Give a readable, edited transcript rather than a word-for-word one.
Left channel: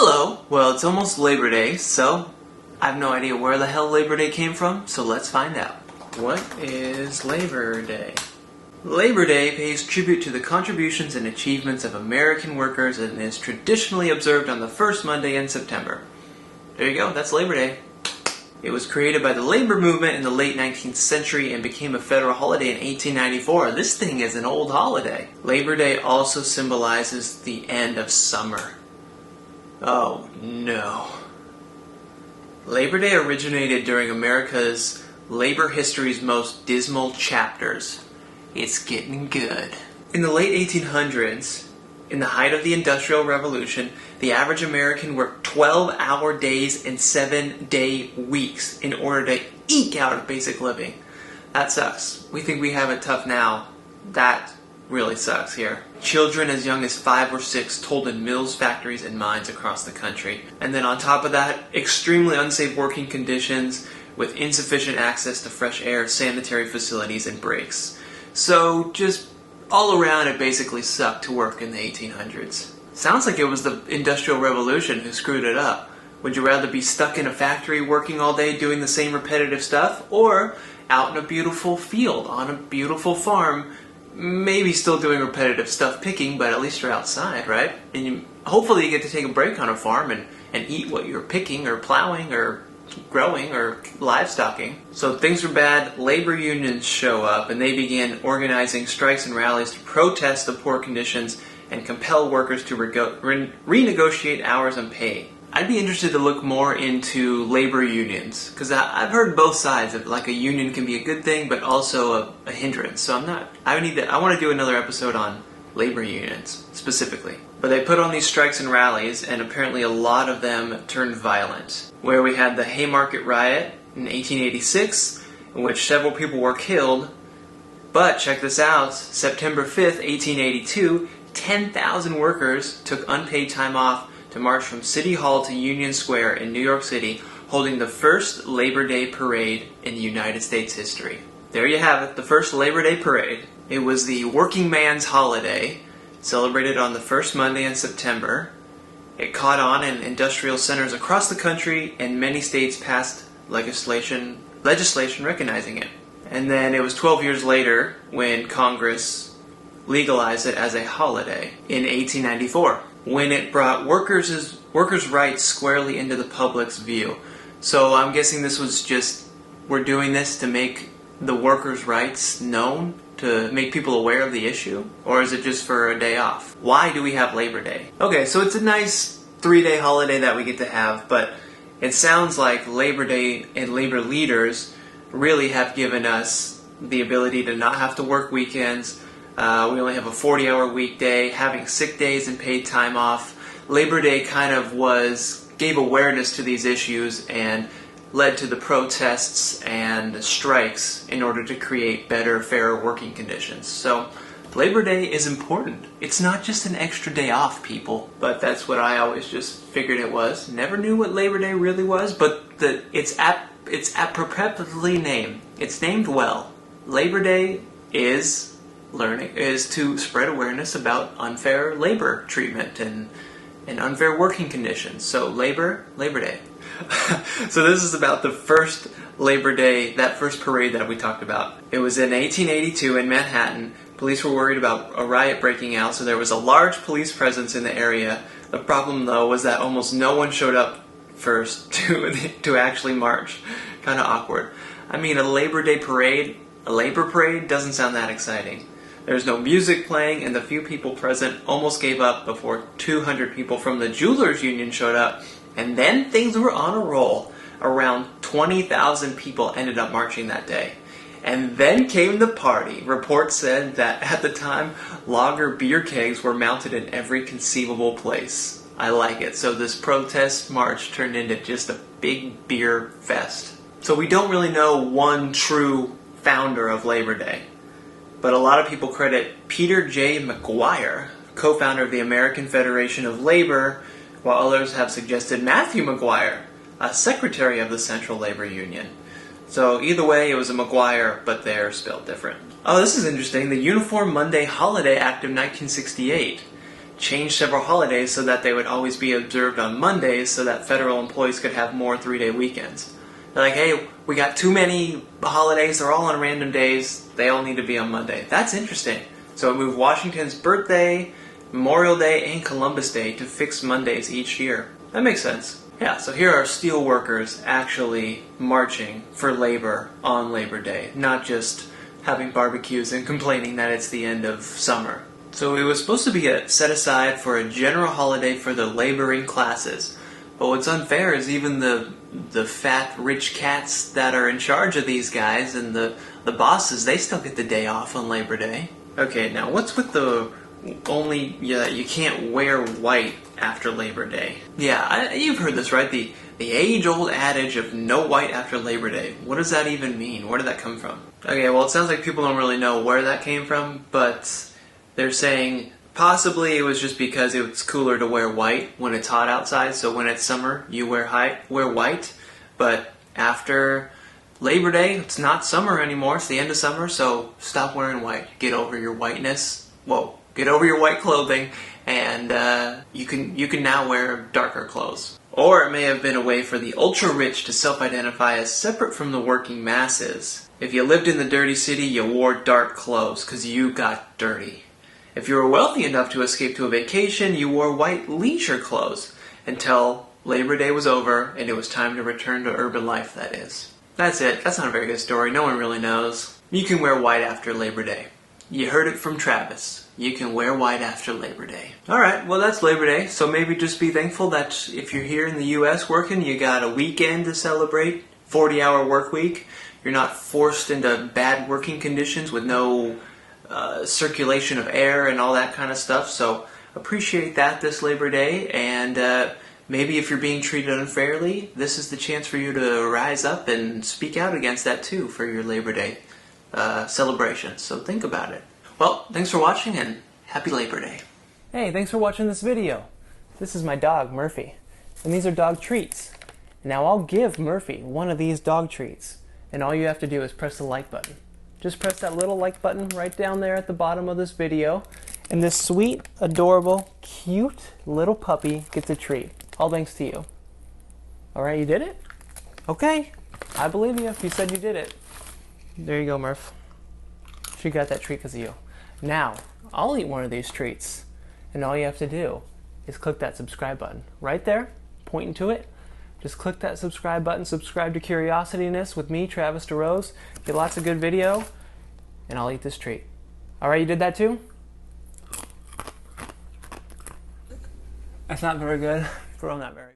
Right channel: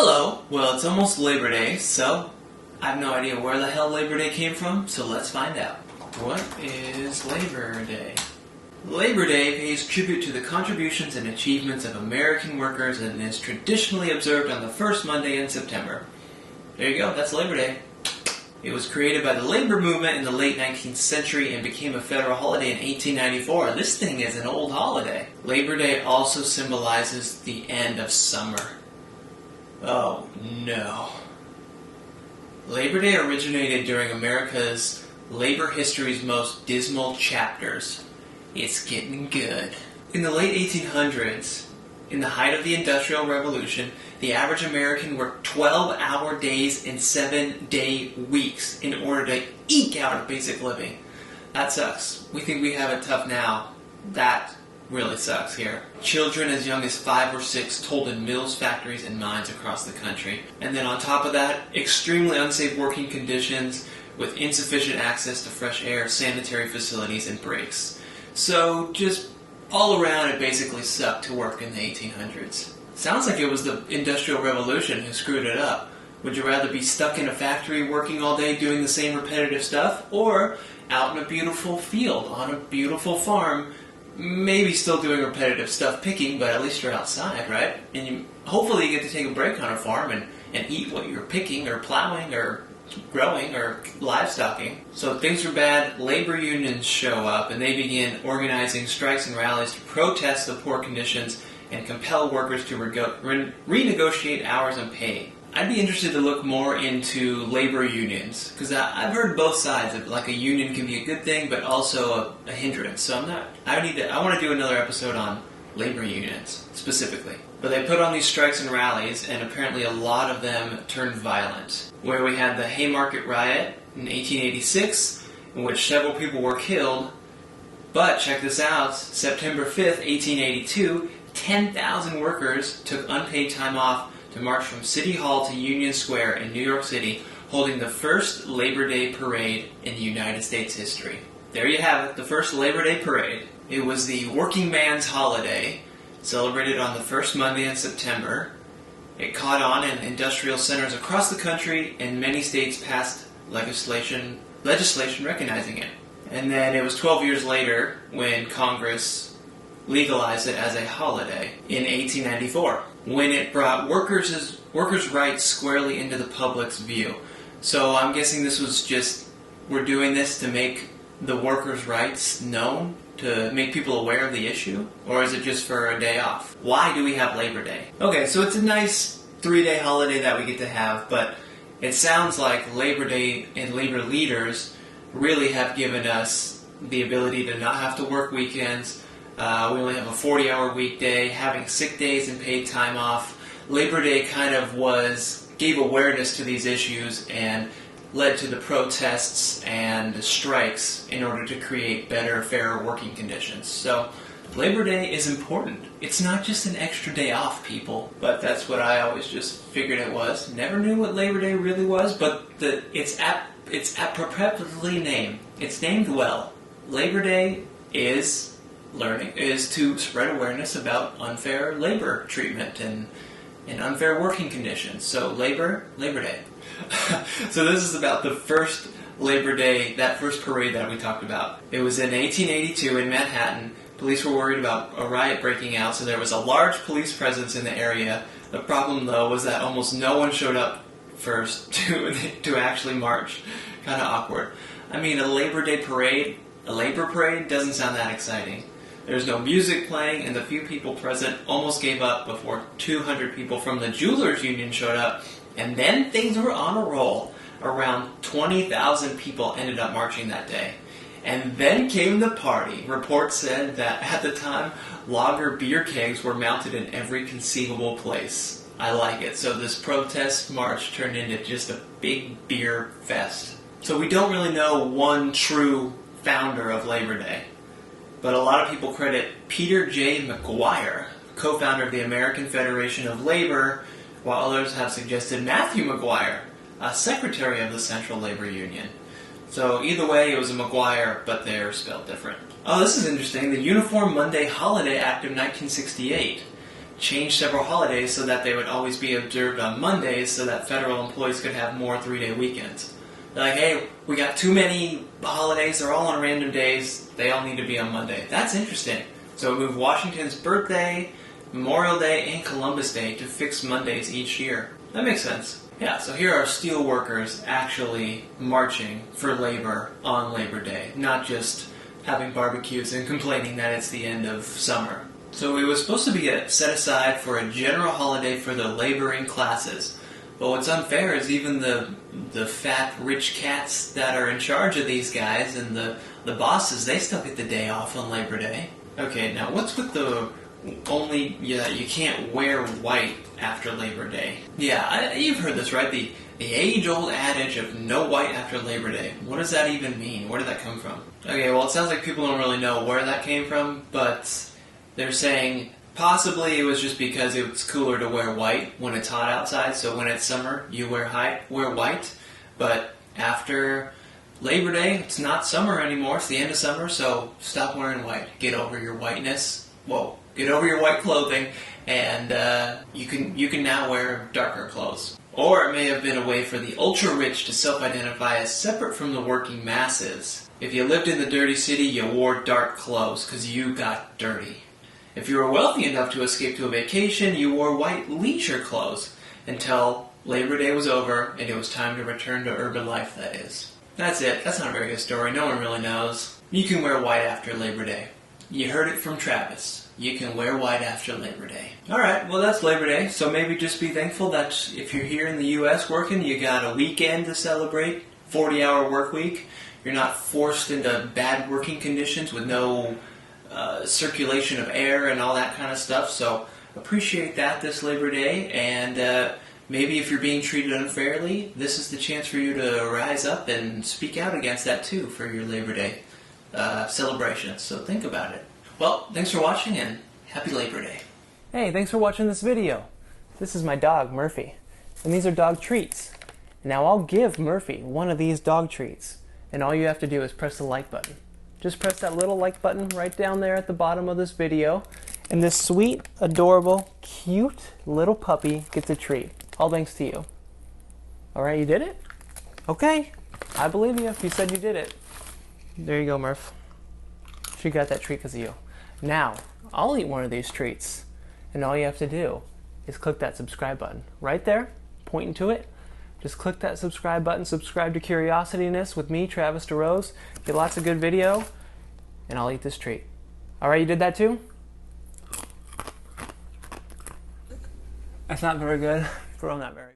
Hello. Well, it's almost Labor Day, so I have no idea where the hell Labor Day came from, so let's find out. What is Labor Day? Labor Day pays tribute to the contributions and achievements of American workers and is traditionally observed on the first Monday in September. There you go, that's Labor Day. It was created by the labor movement in the late 19th century and became a federal holiday in 1894. This thing is an old holiday. Labor Day also symbolizes the end of summer. Oh no. Labor Day originated during America's labor history's most dismal chapters. It's getting good. In the late 1800s, in the height of the Industrial Revolution, the average American worked 12-hour days and 7-day weeks in order to eke out a basic living. That sucks. We think we have it tough now. That really sucks here. Children as young as 5 or 6 toiled in mills, factories, and mines across the country. And then on top of that, extremely unsafe working conditions with insufficient access to fresh air, sanitary facilities, and breaks. So just all around, it basically sucked to work in the 1800s. Sounds like it was the Industrial Revolution who screwed it up. Would you rather be stuck in a factory working all day doing the same repetitive stuff, or out in a beautiful field on a beautiful farm, maybe still doing repetitive stuff picking, but at least you're outside, right? And hopefully you get to take a break on a farm and eat what you're picking or plowing or growing or livestocking. So things were bad, labor unions show up, and they begin organizing strikes and rallies to protest the poor conditions and compel workers to renegotiate hours and pay. I'd be interested to look more into labor unions, because I've heard both sides of like a union can be a good thing, but also a hindrance. So I want to do another episode on labor unions specifically. But they put on these strikes and rallies, and apparently a lot of them turned violent. Where we had the Haymarket Riot in 1886, in which several people were killed. But check this out, September 5th, 1882, 10,000 workers took unpaid time off to march from City Hall to Union Square in New York City, holding the first Labor Day parade in United States history. There you have it, the first Labor Day parade. It was the working man's holiday, celebrated on the first Monday in September. It caught on in industrial centers across the country, and many states passed legislation recognizing it. And then it was 12 years later when Congress legalized it as a holiday in 1894, when it brought workers' rights squarely into the public's view. So I'm guessing this was just, we're doing this to make the workers' rights known, to make people aware of the issue? Or is it just for a day off? Why do we have Labor Day? Okay, so it's a nice 3-day holiday that we get to have, but it sounds like Labor Day and labor leaders really have given us the ability to not have to work weekends. We only have a 40-hour weekday, having sick days and paid time off. Labor Day kind of gave awareness to these issues and led to the protests and strikes in order to create better, fairer working conditions. So Labor Day is important. It's not just an extra day off, people. But that's what I always just figured it was. Never knew what Labor Day really was, but it's appropriately named. It's named well. Labor Day is to spread awareness about unfair labor treatment and unfair working conditions. So Labor Day. So this is about the first Labor Day, that first parade that we talked about. It was in 1882 in Manhattan. Police were worried about a riot breaking out, so there was a large police presence in the area. The problem, though, was that almost no one showed up first to actually march. Kind of awkward. I mean, a Labor Day parade, a labor parade, doesn't sound that exciting. There was no music playing, and the few people present almost gave up before 200 people from the Jewelers Union showed up, and then things were on a roll. Around 20,000 people ended up marching that day. And then came the party. Reports said that at the time, lager beer kegs were mounted in every conceivable place. I like it. So this protest march turned into just a big beer fest. So we don't really know one true founder of Labor Day. But a lot of people credit Peter J. McGuire, co-founder of the American Federation of Labor, while others have suggested Matthew McGuire, a secretary of the Central Labor Union. So either way, it was a McGuire, but they're spelled different. Oh, this is interesting. The Uniform Monday Holiday Act of 1968. changed several holidays so that they would always be observed on Mondays so that federal employees could have more 3-day weekends. They're like, hey, we got too many holidays, they're all on random days, they all need to be on Monday. That's interesting. So we moved Washington's birthday, Memorial Day, and Columbus Day to fixed Mondays each year. That makes sense. Yeah, so here are steel workers actually marching for labor on Labor Day, not just having barbecues and complaining that it's the end of summer. So it was supposed to be set aside for a general holiday for the laboring classes. But what's unfair is even the fat, rich cats that are in charge of these guys and the bosses, they still get the day off on Labor Day. Okay, now what's with the you can't wear white after Labor Day? Yeah, you've heard this, right? The age-old adage of no white after Labor Day. What does that even mean? Where did that come from? Okay, well, it sounds like people don't really know where that came from, but they're saying possibly it was just because it's cooler to wear white when it's hot outside, so when it's summer, you wear white, but after Labor Day, it's not summer anymore, it's the end of summer, so stop wearing white. Get over your whiteness. Whoa. Get over your white clothing, and you can now wear darker clothes. Or it may have been a way for the ultra-rich to self-identify as separate from the working masses. If you lived in the dirty city, you wore dark clothes because you got dirty. If you were wealthy enough to escape to a vacation, you wore white leisure clothes until Labor Day was over and it was time to return to urban life, that is. That's it. That's not a very good story. No one really knows. You can wear white after Labor Day. You heard it from Travis. You can wear white after Labor Day. Alright, well that's Labor Day, so maybe just be thankful that if you're here in the US working, you got a weekend to celebrate, 40-hour work week. You're not forced into bad working conditions with no circulation of air and all that kind of stuff, so appreciate that this Labor Day, and maybe if you're being treated unfairly, this is the chance for you to rise up and speak out against that too for your Labor Day celebration, so think about it. Well, thanks for watching and happy Labor Day. Hey, thanks for watching this video. This is my dog, Murphy, and these are dog treats. Now I'll give Murphy one of these dog treats, and all you have to do is press the like button. Just press that little like button right down there at the bottom of this video, and this sweet, adorable, cute little puppy gets a treat. All thanks to you. Alright, you did it? Okay, I believe you if you said you did it. There you go, Murph. She got that treat because of you. Now, I'll eat one of these treats, and all you have to do is click that subscribe button. Right there, pointing to it, just click that subscribe button, subscribe to Curiosityness with me, Travis DeRose, get lots of good video, and I'll eat this treat. Alright, you did that too? That's not very good. Girl, not very good.